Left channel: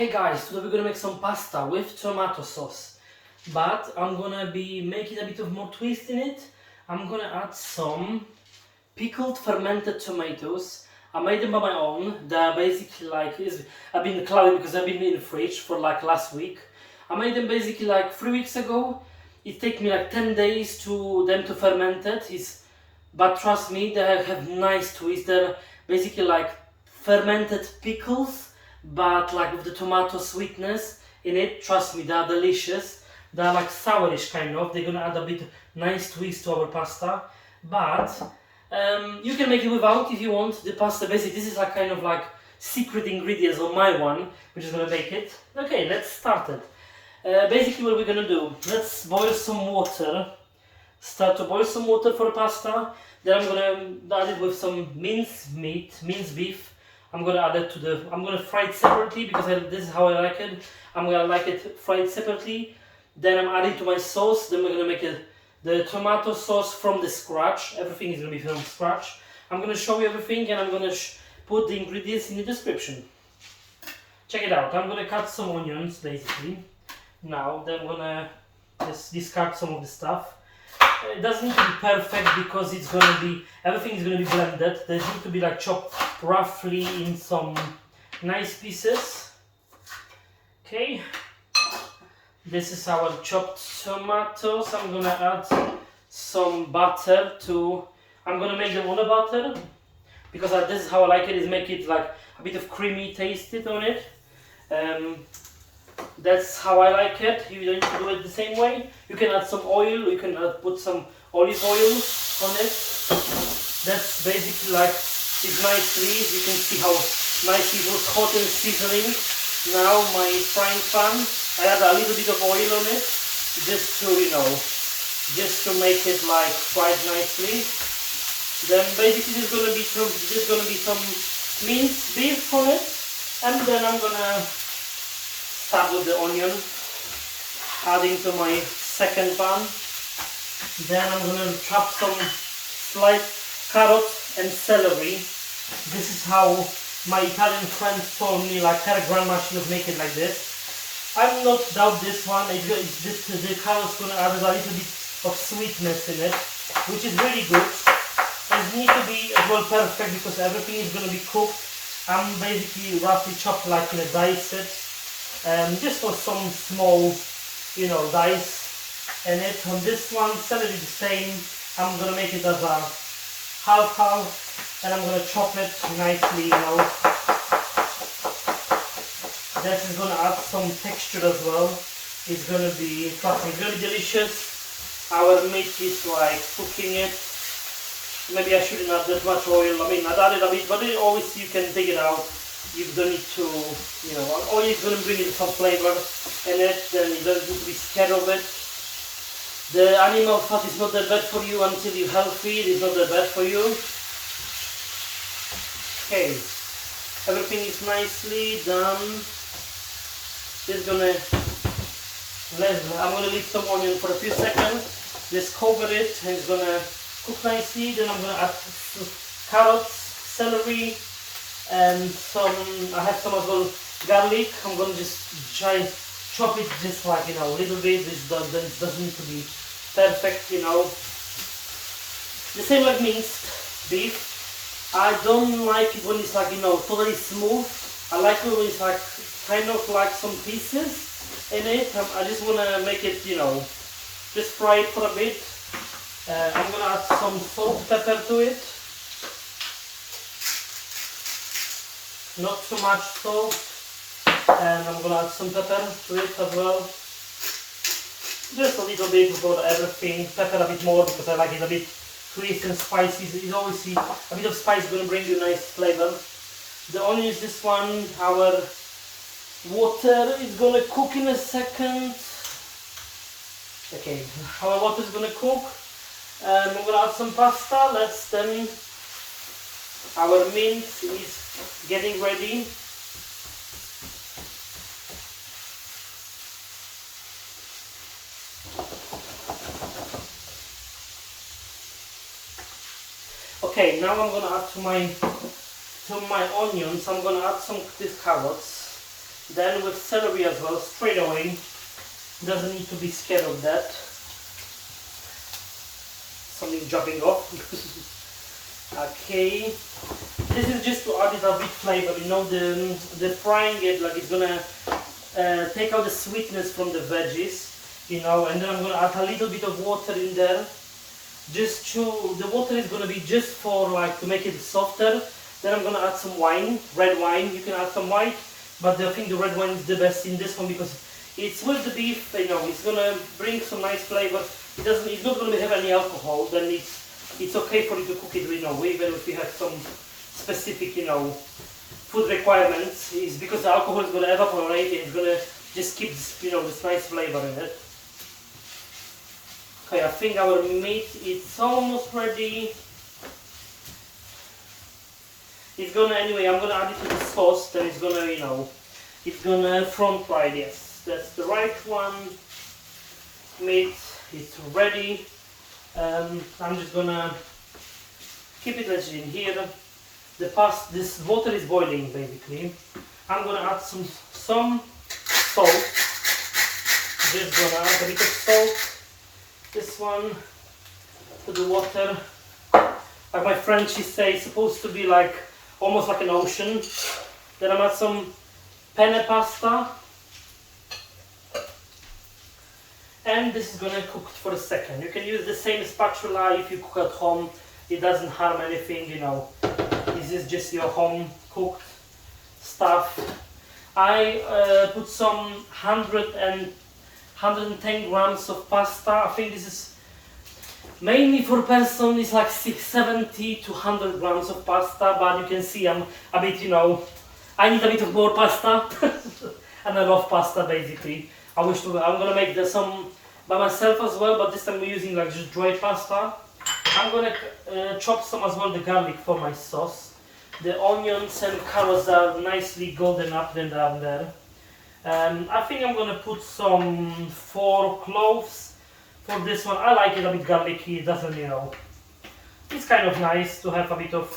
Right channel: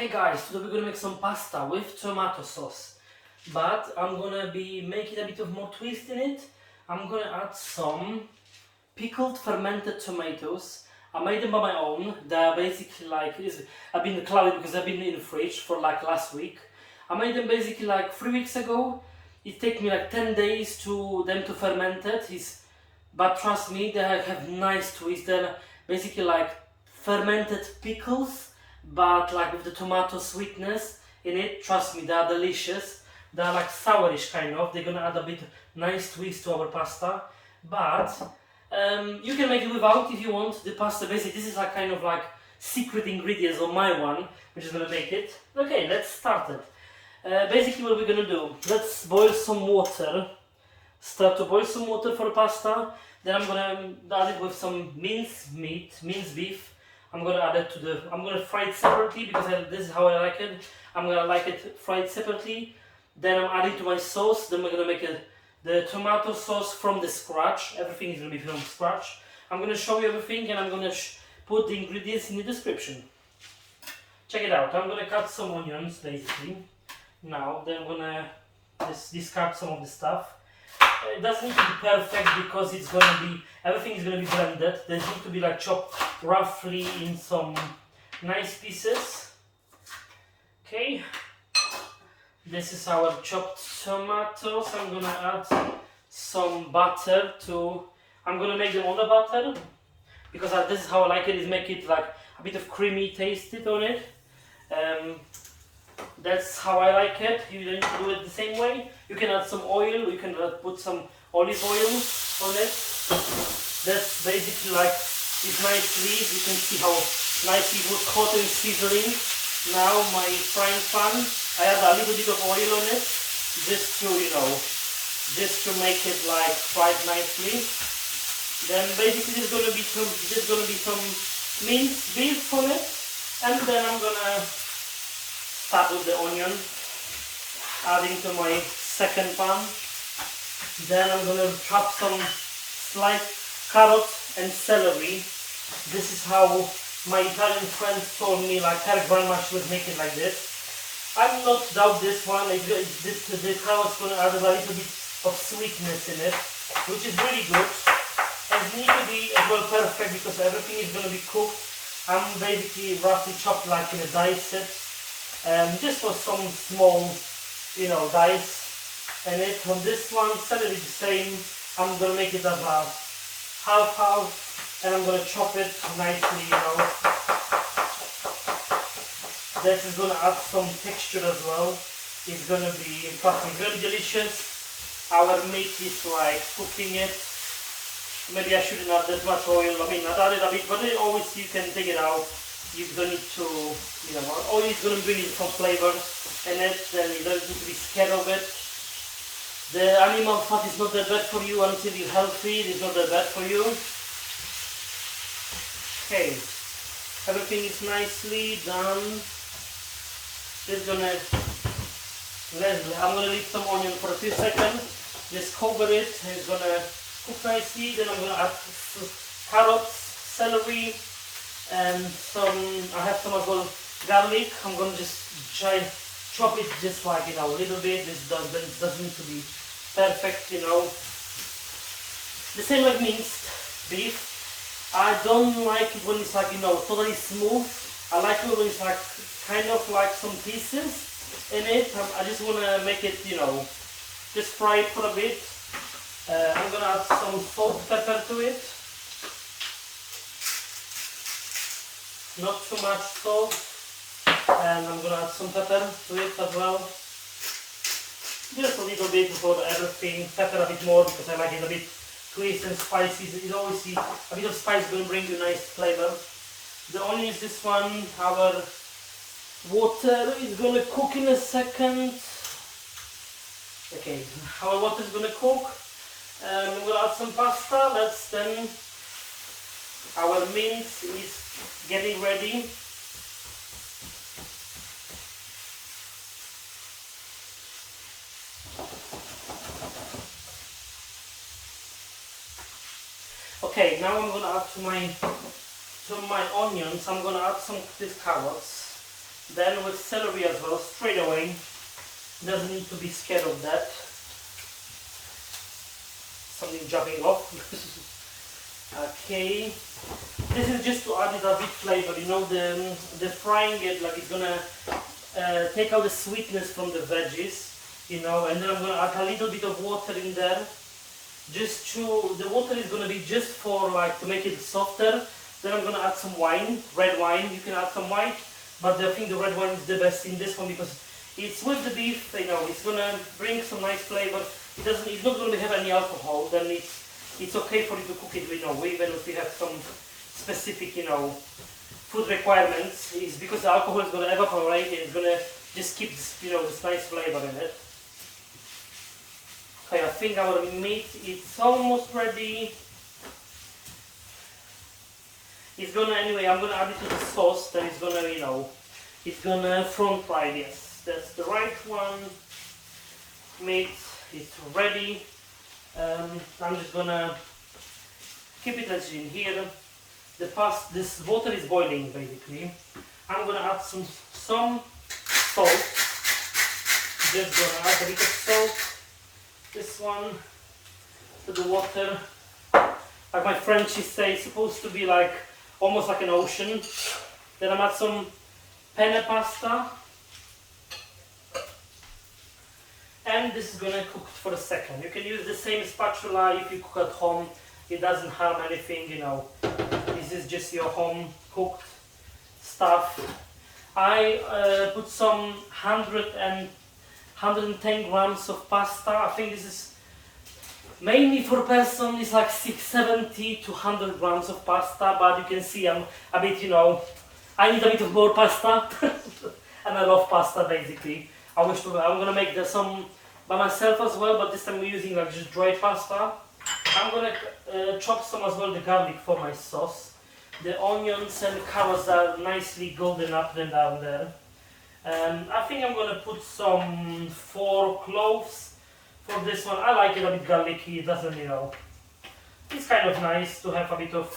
Hey guys, today we're gonna make some pasta with tomato sauce, but I'm gonna be making a bit of more twist in it. I'm gonna add some pickled fermented tomatoes. I made them by my own. They're basically I've been cloudy because I've been in the fridge for like last week. I made them basically like 3 weeks ago. It takes me like 10 days to them to ferment it. But trust me, they have nice twist. They're basically like fermented pickles, but like with the tomato sweetness in it. Trust me, they are delicious. They are like sourish kind of. They're gonna add a bit nice twist to our pasta, but you can make it without if you want. The pasta basically this is like kind of like secret ingredients of my one, which is gonna make it. Okay, let's start it. Basically, what we're gonna do? Let's boil some water. Start to boil some water for the pasta. Then I'm gonna add it with some minced beef. I'm gonna add it to the. I'm gonna fry it separately because this is how I like it. I'm gonna like it fried separately. Then I'm adding to my sauce. Then we're gonna make the tomato sauce from the scratch. Everything is gonna be from scratch. I'm gonna show you everything, and I'm gonna put the ingredients in the description. Check it out. I'm gonna cut some onions basically. Now, then I'm gonna just discard some of the stuff. It doesn't need to be perfect because it's gonna be everything is gonna be blended. They need to be like chopped roughly in some nice pieces. Okay, this is our chopped tomatoes. I'm gonna add some butter to. I'm gonna make them on the butter because this is how I like it. Is make it like a bit of creamy taste on it. That's how I like it. You don't need to do it the same way. You can add some oil. You can put some olive oil on it. That's basically like it's nicely. You can see how nicely it was hot and sizzling. Now my frying pan, I add a little bit of oil on it, just to just to make it like fried nicely. Then basically there's gonna be some minced beef on it, and then I'm gonna start with the onion, adding to my second pan. Then I'm gonna chop some sliced carrots and celery. This is how my Italian friends told me, like her grandma, she would make it like this. I'm not doubt this one. The carrots gonna add a little bit of sweetness in it, which is really good. It needs to be as well perfect because everything is gonna be cooked. I'm basically roughly chopped like in a dice. Just for some small, dice in it. On this one, celery the same. I'm gonna make it as a half, and I'm gonna chop it nicely. This is gonna add some texture as well. It's gonna be fucking really delicious. Our meat is like cooking it. Maybe I shouldn't add that much oil. I mean, I added a bit, but always you can take it out. You don't need to, oil is going to bring in some flavor in it, then you don't need to be scared of it. The animal fat is not that bad for you until you're healthy, it's not that bad for you. Okay, everything is nicely done. I'm gonna leave some onion for a few seconds, just cover it, and it's gonna cook nicely. Then I'm gonna add carrots, celery, and I have some as well garlic. I'm gonna just chop it just like a little bit. It doesn't need to be perfect, The same like minced beef. I don't like it when it's like totally smooth. I like it when it's like kind of like some pieces in it. I just wanna make it just fry it for a bit. I'm gonna add some salt, pepper to it. Not too much salt, and I'm gonna add some pepper to it as well. Just a little bit for everything. Pepper a bit more because I like it a bit sweet and spicy. You always see a bit of spice is gonna bring you nice flavor. The onions, this one, our water is gonna cook in a second. Okay, our water is gonna cook. I'm gonna add some pasta. Our mint is getting ready. Okay, now I'm gonna add to my onions. I'm gonna add some these carrots. Then with celery as well, straight away. Doesn't need to be scared of that. Something jumping off. Okay. This is just to add it a bit flavor. You know, the frying it, like it's gonna take out the sweetness from the veggies. You know, and then I'm gonna add a little bit of water in there. Just to, the water is gonna be just for like to make it softer. Then I'm gonna add some wine, red wine. You can add some white, but I think the red wine is the best in this one because it's with the beef. You know, it's gonna bring some nice flavor. It's not gonna have any alcohol. Then it's okay for you to cook it. You know, even if you have some specific, you know, food requirements, is because the alcohol is gonna evaporate and it's gonna just keep this, you know, this nice flavor in it. Okay, I think our meat is almost ready. It's gonna, anyway, I'm gonna add it to the sauce, then it's gonna, you know, it's gonna front fry. Yes, that's the right one. Meat is ready. I'm just gonna keep it like in here. This water is boiling basically. I'm gonna add some salt. Just gonna add a bit of salt. This one to the water. Like my friend, she says, it's supposed to be like almost like an ocean. Then I'm add some penne pasta. And this is gonna cook for a second. You can use the same spatula if you cook at home. It doesn't harm anything, you know. This is just your home cooked stuff. I put some 110 grams of pasta. I think this is mainly for person. It's like 70 to 100 grams of pasta. But you can see I'm a bit, you know, I need a bit of more pasta. And I love pasta basically. I'm gonna make some by myself as well, but this time we're using like just dry pasta. I'm gonna chop some as well the garlic for my sauce. The onions and carrots are nicely golden up and down there. I think I'm gonna put some 4 cloves for this one. I like it a bit garlicky. It doesn't, you know, it's kind of nice to have a bit of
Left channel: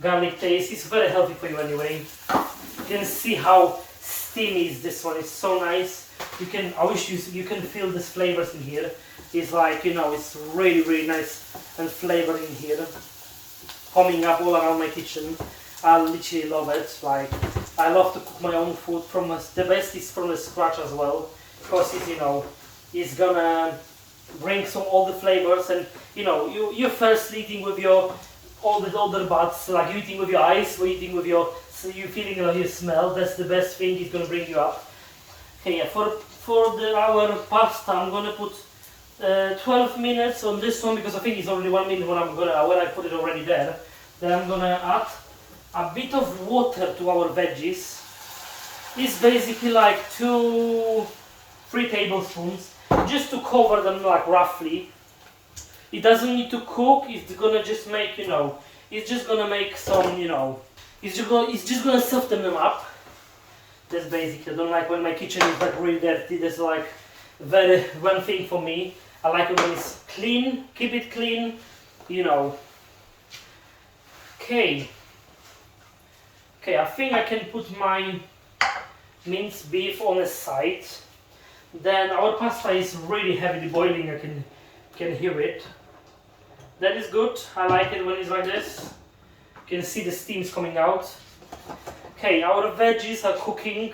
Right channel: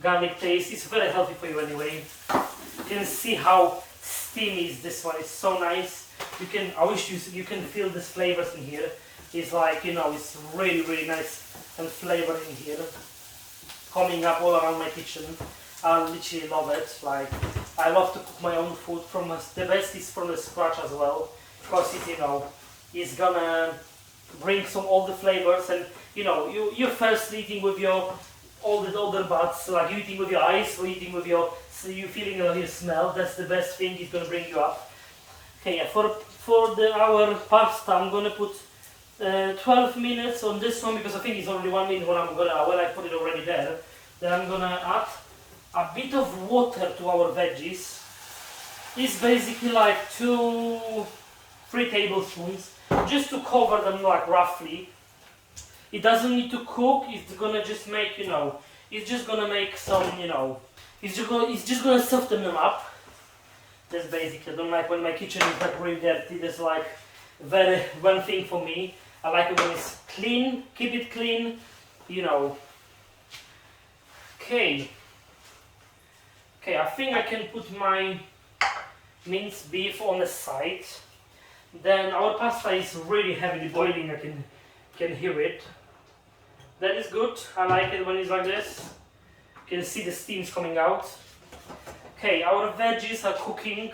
garlic taste. It's very healthy for you anyway. You can see how steamy is this one. It's so nice. I wish you can feel these flavors in here. It's like, you know, it's really, really nice and flavor in here. Coming up all around my kitchen. I literally love it. Like, I love to cook my own food the best is from the scratch as well. Because it, you know, it's gonna bring all the flavors, and you know, you're first eating with all the other parts, like you're eating with your eyes, or eating with so you're feeling your smell. That's the best thing. It's gonna bring you up. Okay, yeah, for our pasta, I'm gonna put 12 minutes on this one because I think it's already 1 minute when I put it already there. Then I'm gonna add a bit of water to our veggies. It's basically like 2-3 tablespoons, just to cover them like roughly. It doesn't need to cook. It's gonna just make, you know, it's just gonna make some, you know, it's just gonna soften them up. That's basically, I don't like when my kitchen is like really dirty. That's like one thing for me. I like it when it's clean, keep it clean, you know. Okay, I think I can put my minced beef on the side. Then our pasta is really heavily boiling. I can hear it. That is good. I like it when it's like this. You can see the steams coming out. Okay, our veggies are cooking.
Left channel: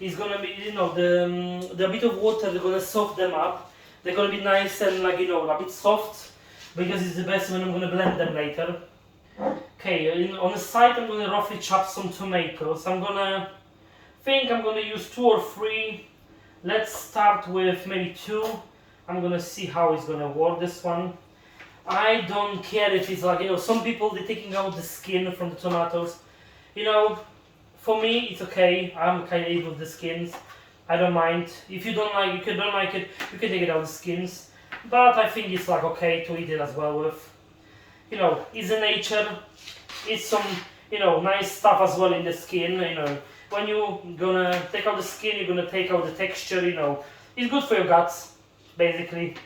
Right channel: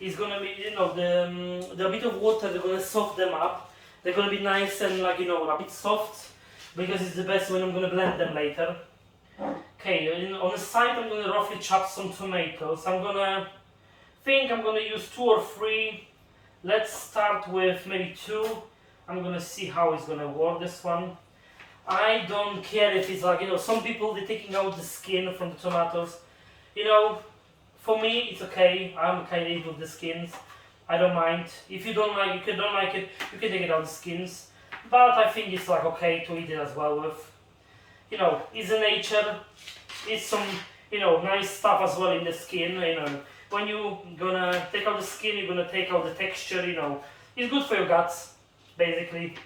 It's gonna be, you know, the bit of water, they're gonna soak them up. They're gonna be nice and, like, you know, a bit soft, because it's the best when I'm gonna blend them later. Okay, on the side I'm gonna roughly chop some tomatoes. I'm gonna use 2 or 3. Let's start with maybe 2. I'm gonna see how it's gonna work, this one. I don't care if it's like, you know, some people, they're taking out the skin from the tomatoes. You know, for me, it's okay. I'm kind of eat with the skins. I don't mind. If you don't like it, you can take it out the skins. But I think it's like okay to eat it as well with. You know, it's a nature. It's some, you know, nice stuff as well in the skin. You know, when you're gonna take out the skin, you're gonna take out the texture. You know, it's good for your guts, basically.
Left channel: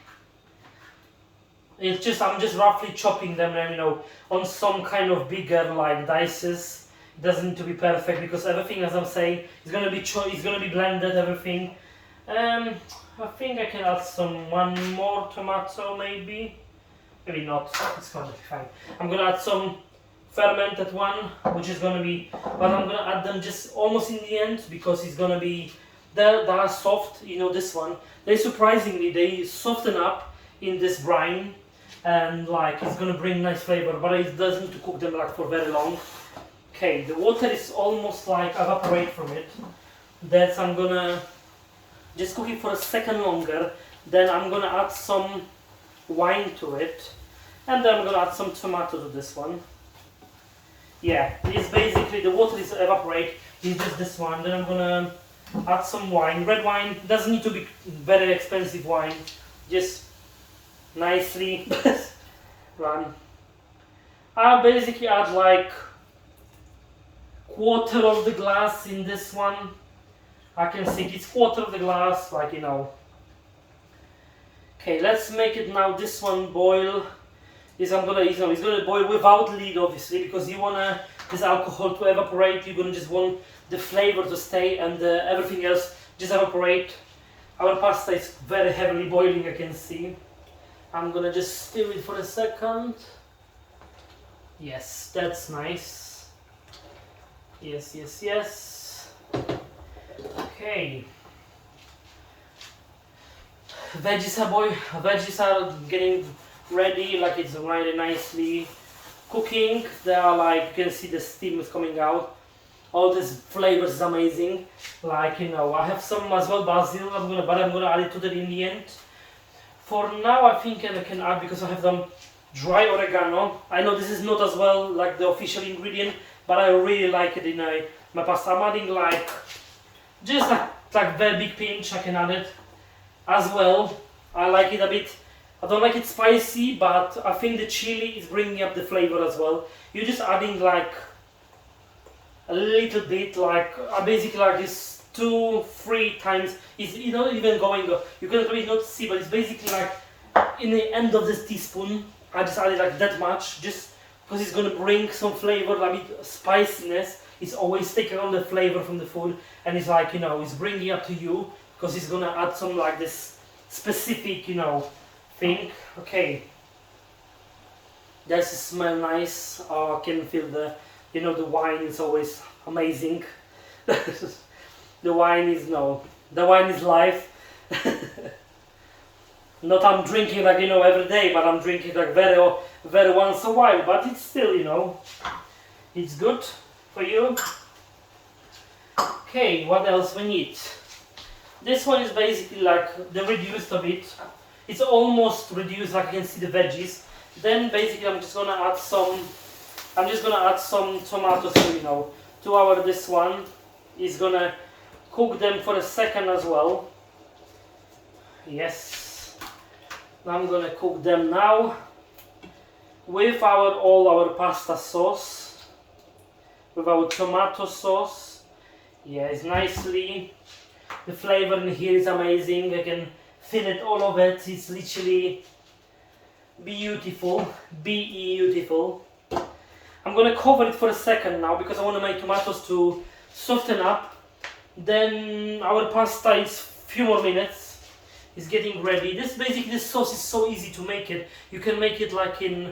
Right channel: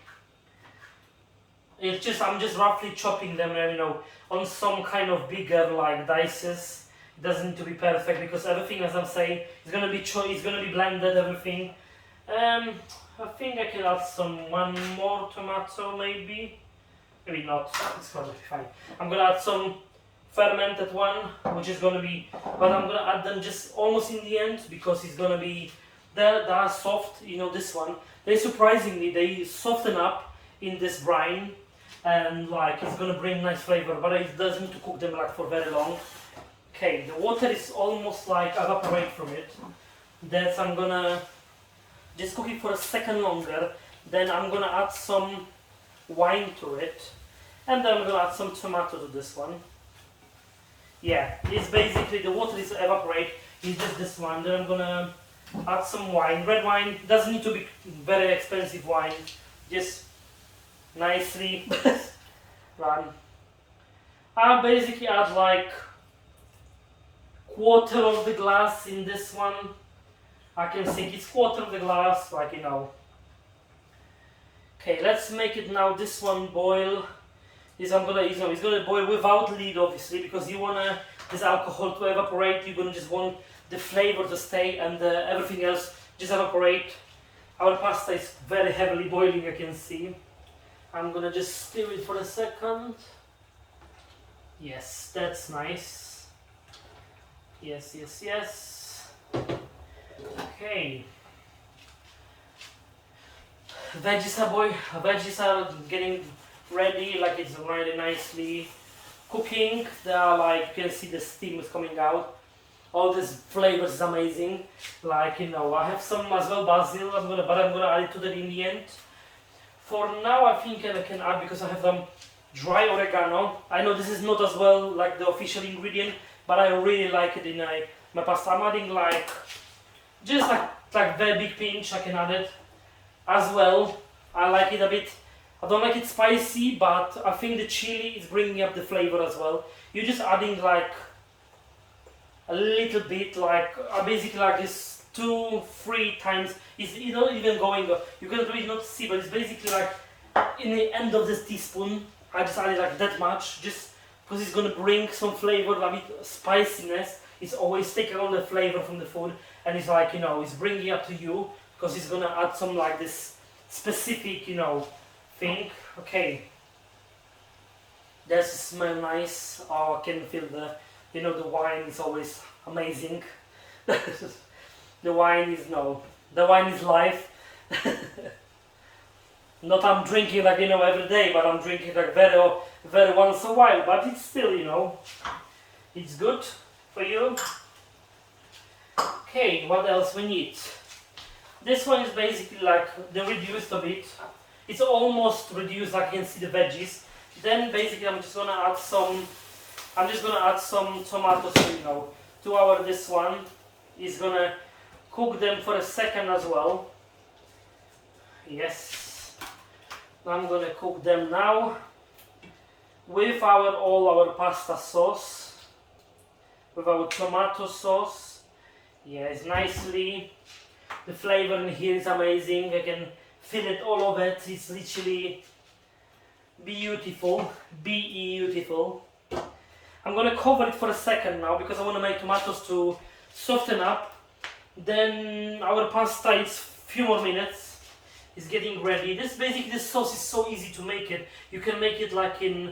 I'm just roughly chopping them, you know, on some kind of bigger like dices. It doesn't need to be perfect because everything, as I'm saying, is gonna be it's gonna be blended. Everything. I think I can add one more tomato, maybe. Maybe not. It's gonna be fine. I'm gonna add some fermented one, which is gonna be, but I'm gonna add them just almost in the end because it's gonna be they're soft. You know, this one. They surprisingly they soften up in this brine, and like it's gonna bring nice flavor, but it doesn't need to cook them like for very long. Okay, the water is almost like evaporate from it. That's I'm gonna just cook it for a second longer. Then I'm gonna add some wine to it, and then I'm gonna add some tomato to this one. Yeah, it's basically the water is evaporate. It's just this one. Then I'm gonna add some wine. Red wine doesn't need to be very expensive wine. Just nicely run. I basically add like quarter of the glass in this one. I can see it's quarter of the glass, like you know. Okay, let's make it now. This one boil. It's gonna boil without lid, obviously, because you wanna this alcohol to evaporate. You're gonna just want the flavor to stay, and everything else just evaporate. Our pasta is very heavily boiling, I can see. I'm gonna just stir it for a second. Yes, that's nice. Yes, yes, yes. Okay. Veggies are getting ready, like it's really nicely cooking. They are like, you can see the steam is coming out. All this flavor is amazing. Like, you know, I have some as well basil, but I'm gonna add it to the in the end. For now, I think I can add, because I have some dry oregano. I know this is not as well like the official ingredient, but I really like it in my pasta. I'm adding like just like very big pinch. I can add it as well. I like it a bit. I don't like it spicy, but I think the chili is bringing up the flavor as well. You're just adding like a little bit, like basically like this 2-3 times. It's not even going. You can really not see, but it's basically like in the end of this teaspoon. I just added like that much, just because it's gonna bring some flavor, like spiciness. It's always taking all the flavor from the food, and it's like, you know, it's bringing up to you because it's gonna add some like this specific, you know, thing. Okay, does it smell nice? Oh, I can feel the, you know, the wine is always amazing. The wine is life. Not I'm drinking like, you know, every day, but I'm drinking like very once a while. But it's still, you know, it's good for you. Okay, what else we need? This one is basically like the reduced a bit. It's almost reduced, like you can see the veggies. Then basically I'm just gonna add some tomatoes, you know, to our this one. Is gonna cook them for a second as well. Yes. I'm gonna cook them now with all our pasta sauce, with our tomato sauce. Yes, nicely. The flavor in here is amazing. I can feel it, all of it. It's literally beautiful. Beautiful. I'm gonna cover it for a second now because I want to make tomatoes to soften up. Then our pasta is few more minutes. It's getting ready. This sauce is so easy to make it. You can make it like in,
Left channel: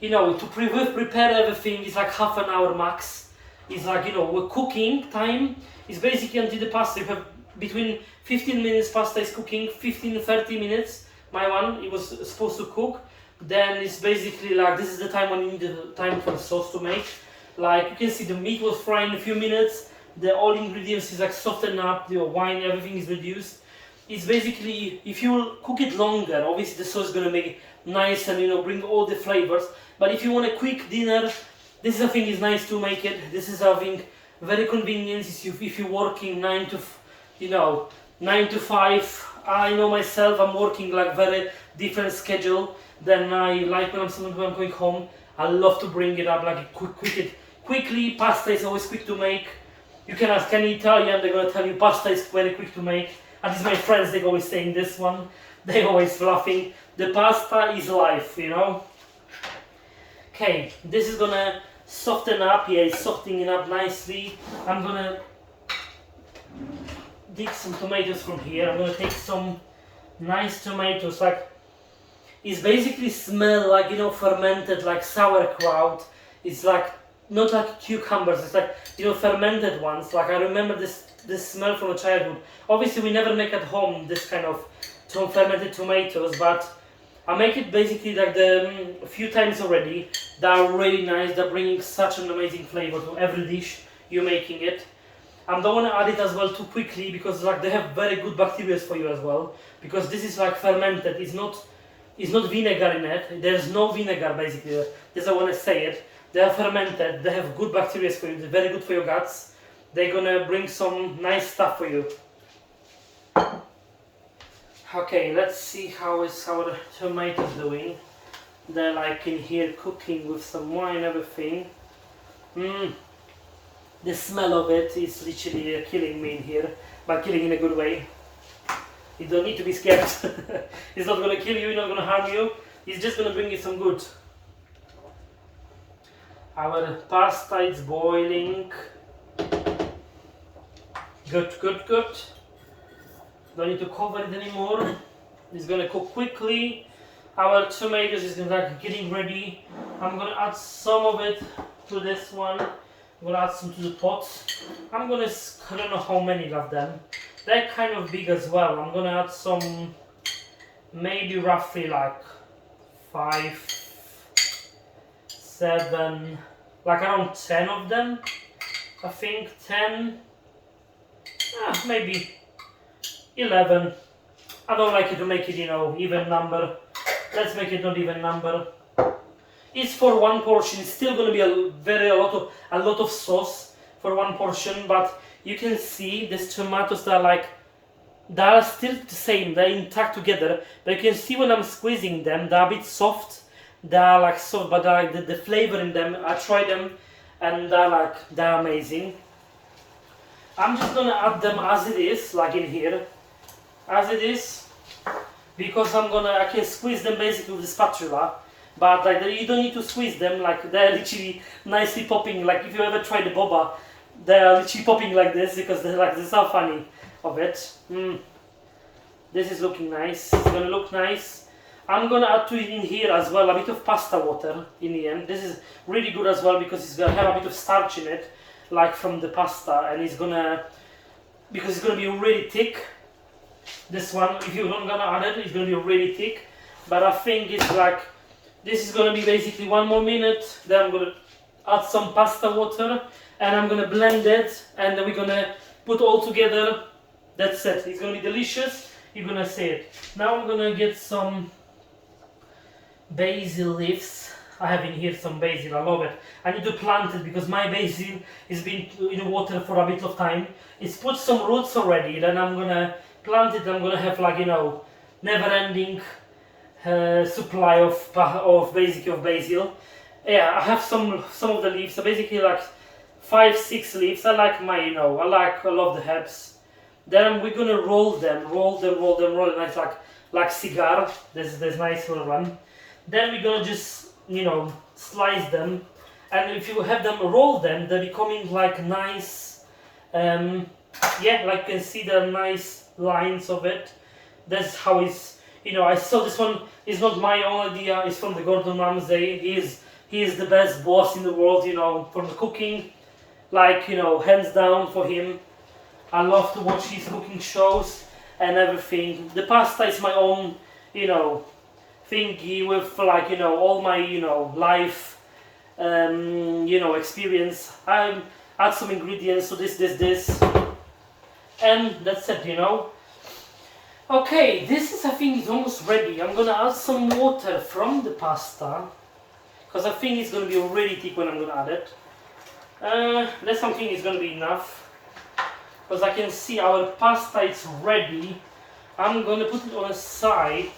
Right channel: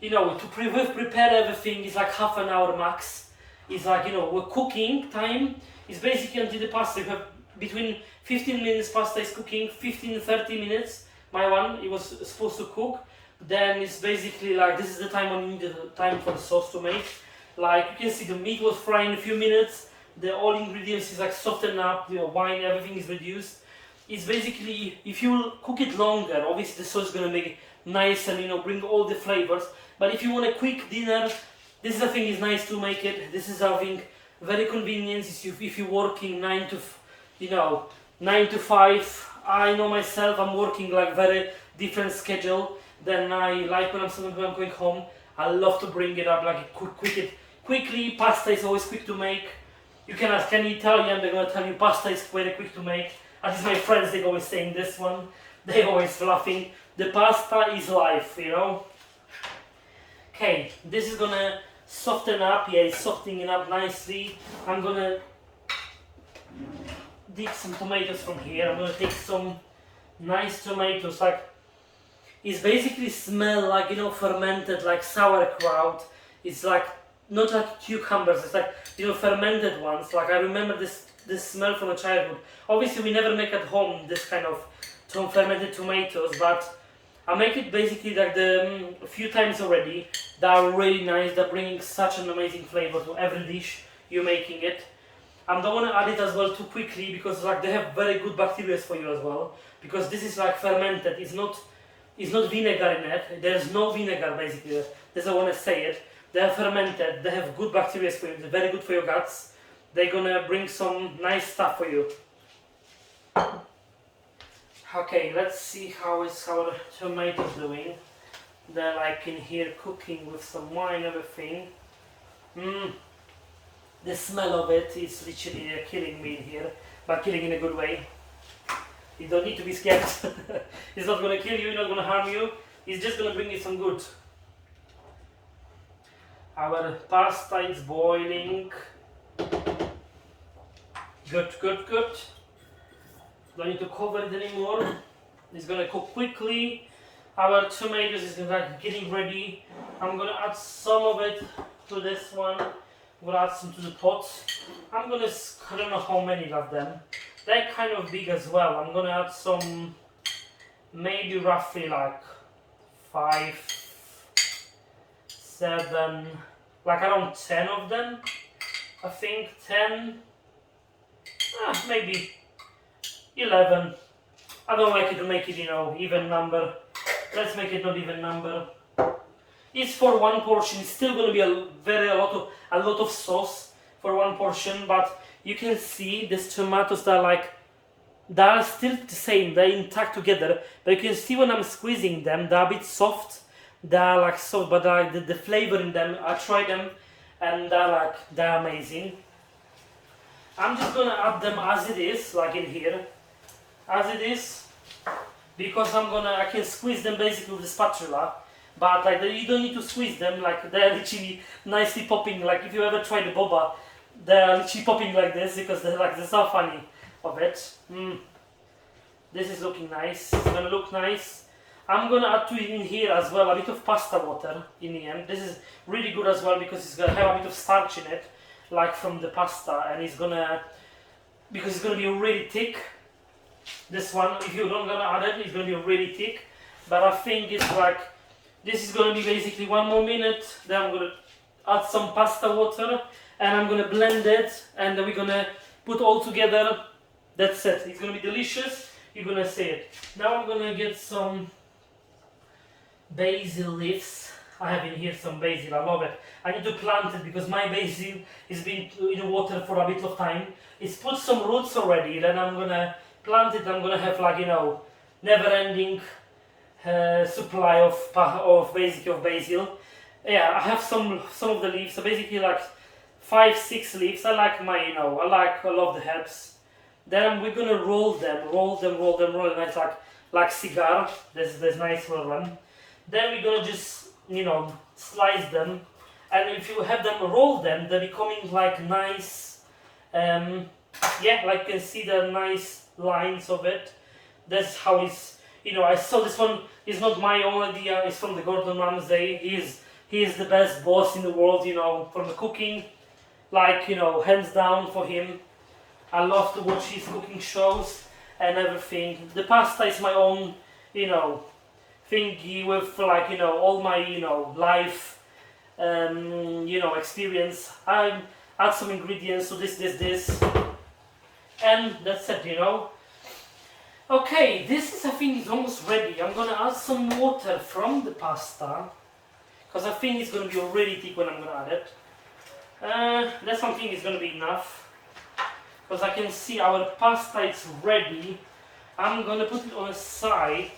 you know, to prepare everything is like half an hour max. It's like, you know, cooking time is basically until the pasta. You have between 15 minutes pasta is cooking, 15-30 minutes. My one, it was supposed to cook. Then it's basically like, this is the time when you need the time for the sauce to make. Like you can see the meat was frying in a few minutes. The all ingredients is like softened up, the wine, everything is reduced. It's basically, if you cook it longer, obviously the sauce is gonna make it nice and, you know, bring all the flavors. But if you want a quick dinner, this is a thing is nice to make it. This is something very convenient if you're working 9 to 5. I know myself, I'm working like very different schedule than I like when I'm going home. I love to bring it up, like quickly. Pasta is always quick to make. You can ask any Italian, they're gonna tell you pasta is very quick to make. At least my friends, they always saying this one. They always laughing. The pasta is life, you know. Okay, this is gonna soften up. Yeah, it's softening up nicely. I'm gonna dig some tomatoes from here. I'm gonna take some nice tomatoes. Like, it's basically smell like, you know, fermented, like sauerkraut. It's like not like cucumbers. It's like, you know, fermented ones. Like, I remember this smell from a childhood. Obviously, we never make at home this kind of fermented tomatoes, but I make it basically like a few times already. They are really nice. They're bringing such an amazing flavor to every dish you're making it. I don't want to add it as well too quickly, because like they have very good bacteria for you as well. Because this is like fermented. It's not vinegar in it. There's no vinegar basically. That's why I want to say it. They are fermented. They have good bacteria for you. They're very good for your guts. They're gonna bring some nice stuff for you. Okay, let's see how is our tomatoes doing. They're like in here cooking with some wine, everything. The smell of it is literally killing me in here, but killing in a good way. You don't need to be scared. It's not gonna kill you, it's not gonna harm you. It's just gonna bring you some good. Our pasta is boiling. Good, good, good. Don't need to cover it anymore. It's gonna cook quickly. Our tomatoes is like getting ready. I'm gonna add some of it to this one. I'm gonna add some to the pot. I don't know how many of them. They're kind of big as well. I'm gonna add some, maybe roughly like 5, 7, like around 10 of them. I think 10, maybe 11. I don't like it to make it, you know, even number. Let's make it not even number. It's for one portion. It's still going to be a lot of sauce for one portion, but you can see these tomatoes they are still the same. They're intact together, but you can see when I'm squeezing them, they're a bit soft. They're like soft, but like the flavor in them. I tried them, and they're amazing. I'm just gonna add them as it is, like in here, as it is, because I can squeeze them basically with the spatula. But like you don't need to squeeze them, like they're literally nicely popping. Like if you ever try the boba, they're literally popping like this because they're so funny of it. This is looking nice. It's gonna look nice. I'm gonna add to it in here as well a bit of pasta water in the end. This is really good as well because it's gonna have a bit of starch in it, like from the pasta, and because it's gonna be really thick. This one, if you're not gonna add it, it's gonna be really thick. But I think it's like, this is going to be basically 1 more minute, then I'm going to add some pasta water and I'm going to blend it, and then we're going to put all together. That's it. It's going to be delicious. You're going to see it. Now I'm going to get some basil leaves. I have in here some basil. I love it. I need to plant it because my basil has been in water for a bit of time. It's put some roots already. Then I'm going to plant it. I'm going to have like, you know, never-ending supply of basil. Yeah, I have some of the leaves. So basically like 5, 6 leaves. I like I love the herbs. Then we're gonna roll them nice like cigar. There's nice little one. Then we're gonna just slice them, and if you have them roll them, they're becoming like nice. Yeah, like you can see the nice lines of it. That's how it's. I saw this one is not my own idea. It's from the Gordon Ramsay. He is the best boss in the world. From the cooking, hands down for him. I love to watch his cooking shows and everything. The pasta is my own, thingy with all my life, experience. I add some ingredients to this, and that's it. Okay, I think it's almost ready. I'm gonna add some water from the pasta because I think it's gonna be really thick when I'm gonna add it. That's something is gonna be enough because I can see our pasta is ready. I'm gonna put it on a side,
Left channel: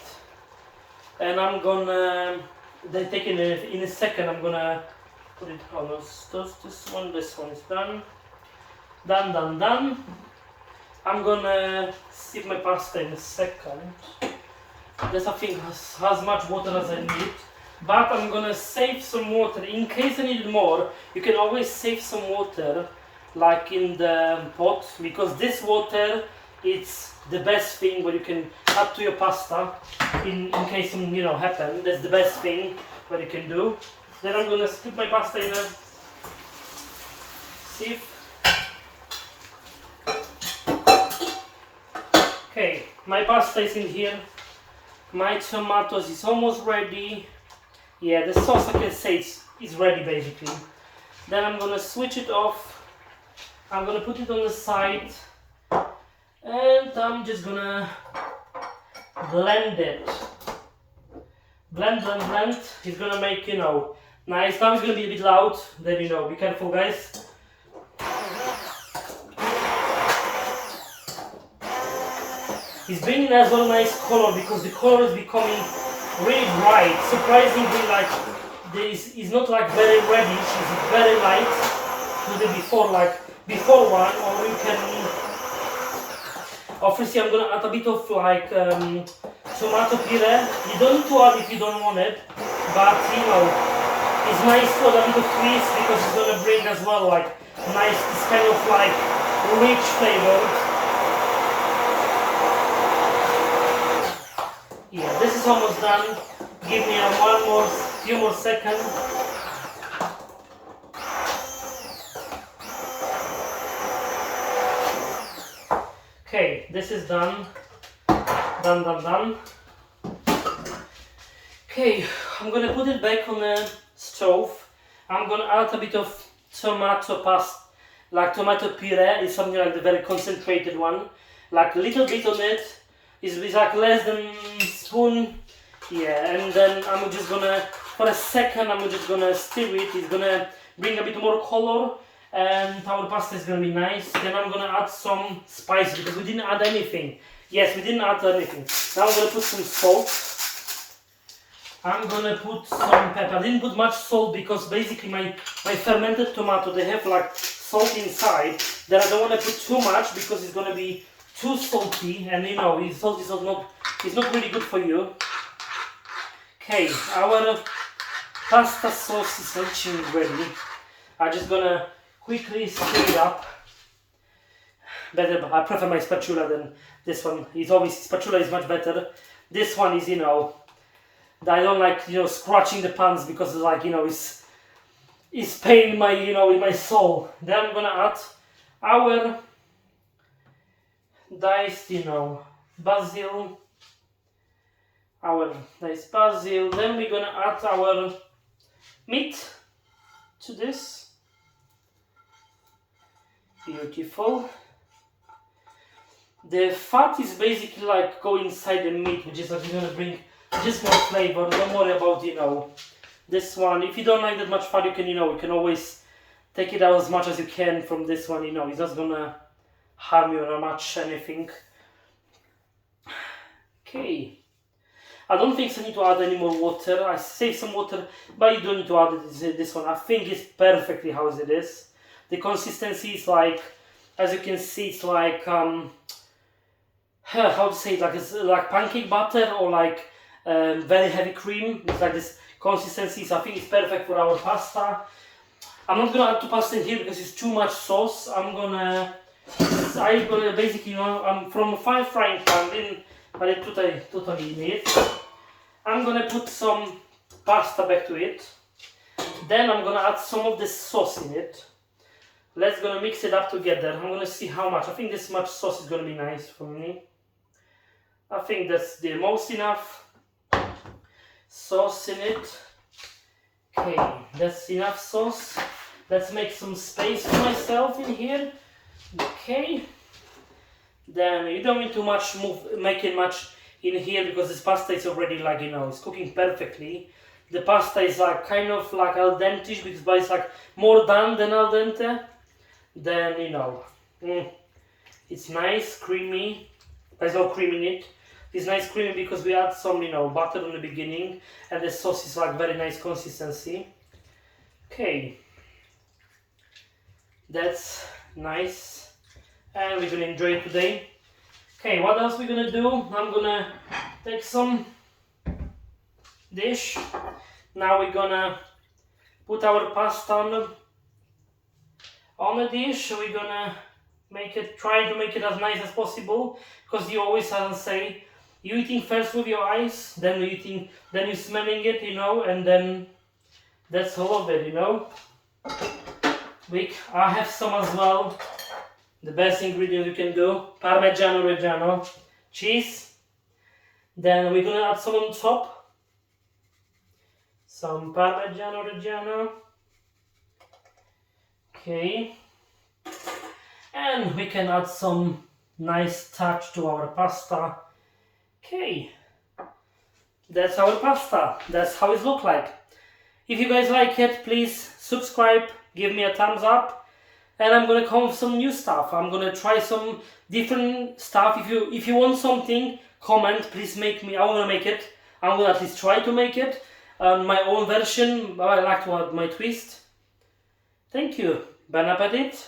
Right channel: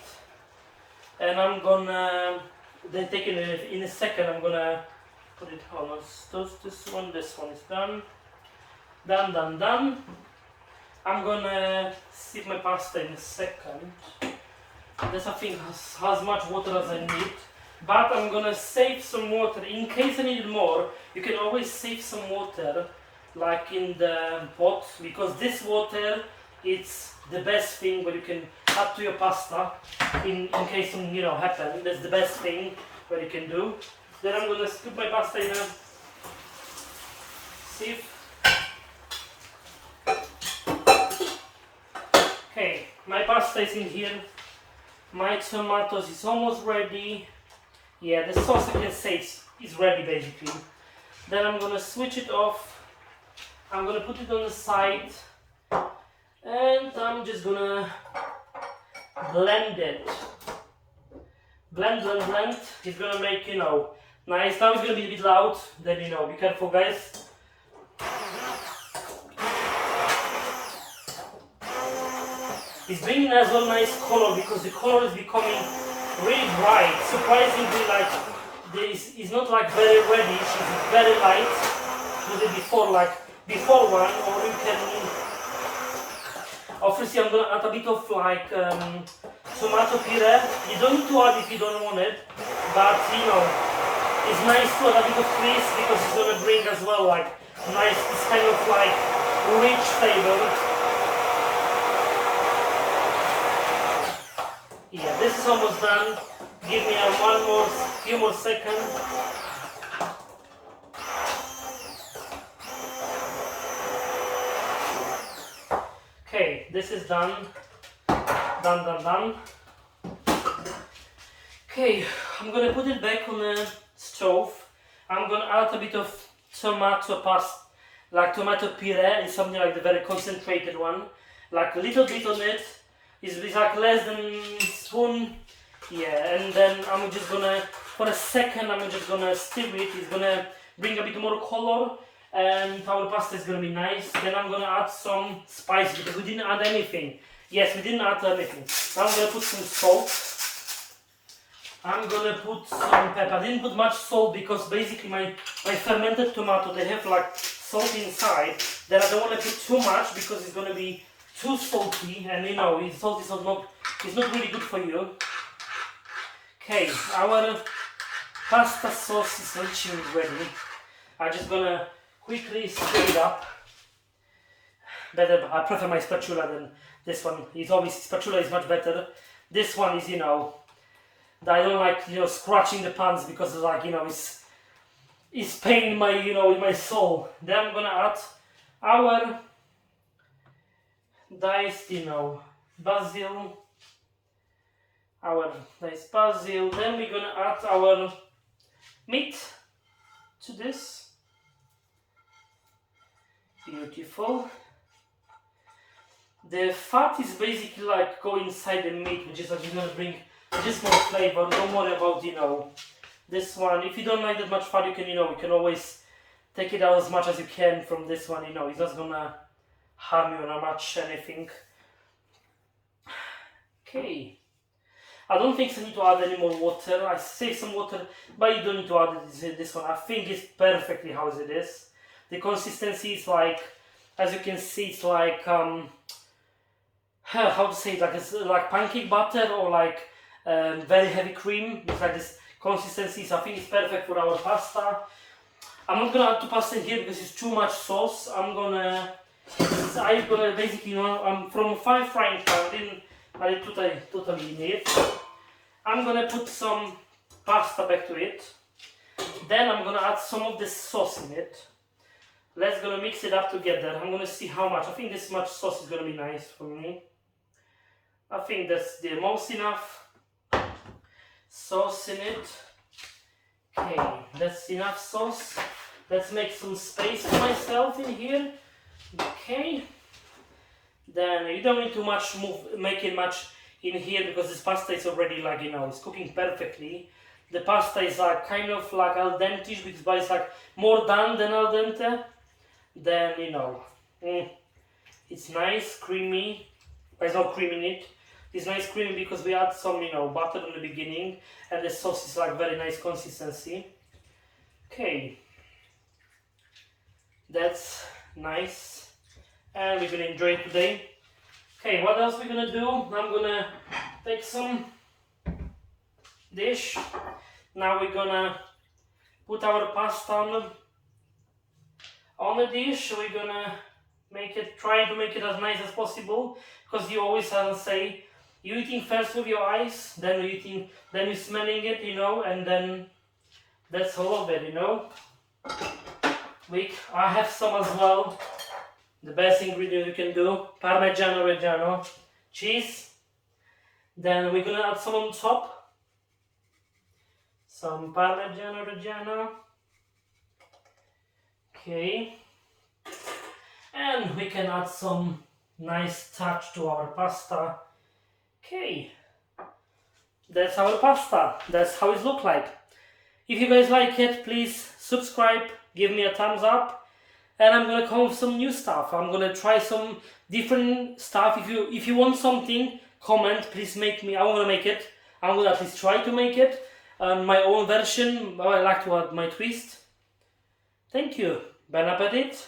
and I'm gonna then take it in a second. I'm gonna put it on this one. This one is done. Done. I'm gonna sieve my pasta in a second. This I think has as much water as I need. but I'm gonna save some water. In case I need more, you can always save some water like in the pot, because this water, it's the best thing what you can add to your pasta in case something, you know, happen. That's the best thing what you can do. Then I'm gonna put my pasta in a sieve. Okay, my pasta is in here. My tomatoes is almost ready. Yeah, the sauce, I can say is ready basically. Then I'm gonna switch it off. I'm gonna put it on the side, and I'm just gonna blend it. Blend, blend, blend. It's gonna make, you know, nice. Now it's gonna be a bit loud. Then, you know, be careful, guys. It's bringing as well nice color, because the color is becoming really bright. Surprisingly, like this is not like very reddish. It's very light. To the before one, or you can. Obviously, I'm gonna add a bit of like tomato puree. You don't need to add if you don't want it, but you know, it's nice to add a bit of twist, because it's gonna bring as well like nice, this kind of like rich flavor. Yeah, this is almost done. Give me few more seconds. Okay, this is done. Done. Okay, I'm gonna put it back on the stove. I'm gonna add a bit of tomato pasta, like tomato puree. It's something like the very concentrated one. Like a little bit on it. It's like less than spoon. Yeah, and then I'm just gonna, for a second, I'm just gonna stir it. It's gonna bring a bit more color, and our pasta is gonna be nice. Then I'm gonna add some spice, because we didn't add anything. Yes, we didn't add anything. Now I'm gonna put some salt. I'm gonna put some pepper. I didn't put much salt because basically my fermented tomato, they have like salt inside. Then I don't want to put too much because it's gonna be too salty, and you know, salt is not really good for you. Okay, our pasta sauce is reaching ready. I'm just gonna quickly stir it up. Better, I prefer my spatula than this one. Spatula is much better. This one is, you know, I don't like, you know, scratching the pans, because like, you know, it's pain my, you know, in my soul. Then I'm gonna add our diced, you know, basil. Our diced basil. Then we're gonna add our meat to this. Beautiful. The fat is basically like go inside the meat, which is like gonna bring just more flavor. Don't worry about, you know, this one. If you don't like that much fat, you can, you know, you can always take it out as much as you can from this one. You know, it's not gonna harm you not much anything. Okay. I don't think I need to add any more water. I save some water, but you don't need to add this one. I think it's perfectly how it is. The consistency is like, as you can see, it's like how to say it, like it's like pancake batter, or like very heavy cream. It's like this consistency, so I think it's perfect for our pasta. I'm not gonna add to pasta here because it's too much sauce. I'm gonna basically, you know, I'm from a frying pan, ale tutaj nie. I'm gonna put some pasta back to it. Then I'm gonna add some of the sauce in it. Let's gonna mix it up together. I'm gonna see how much. I think this much sauce is gonna be nice for me. I think that's the most enough sauce in it. Okay, that's enough sauce. Let's make some space for myself in here. Okay. Then you don't need to make it much in here, because this pasta is already like, you know, it's cooking perfectly. The pasta is like kind of like al dente, but it's like more done than al dente. Then, you know, it's nice, creamy. There's no cream in it. It's nice creamy because we add some, you know, butter in the beginning, and the sauce is like very nice consistency. Okay, that's nice, and we're gonna enjoy it today. Okay, what else we're gonna do? I'm gonna take some dish. Now we're gonna put our pasta on the dish. We're gonna try to make it as nice as possible, because you always have to say, you eating first with your eyes, then you're smelling it, and then that's all of it, I have some as well. The best ingredient you can do, Parmigiano-Reggiano, cheese. Then we're gonna add some on top, some Parmigiano-Reggiano. Okay. And we can add some nice touch to our pasta. Okay. That's our pasta. That's how it looks like. If you guys like it, please subscribe, give me a thumbs up. And I'm gonna come with some new stuff. I'm gonna try some different stuff. If you want something, comment. Please make me. I wanna make it. I'm gonna at least try to make it. My own version. I like to add my twist. Thank you. Bon appetit.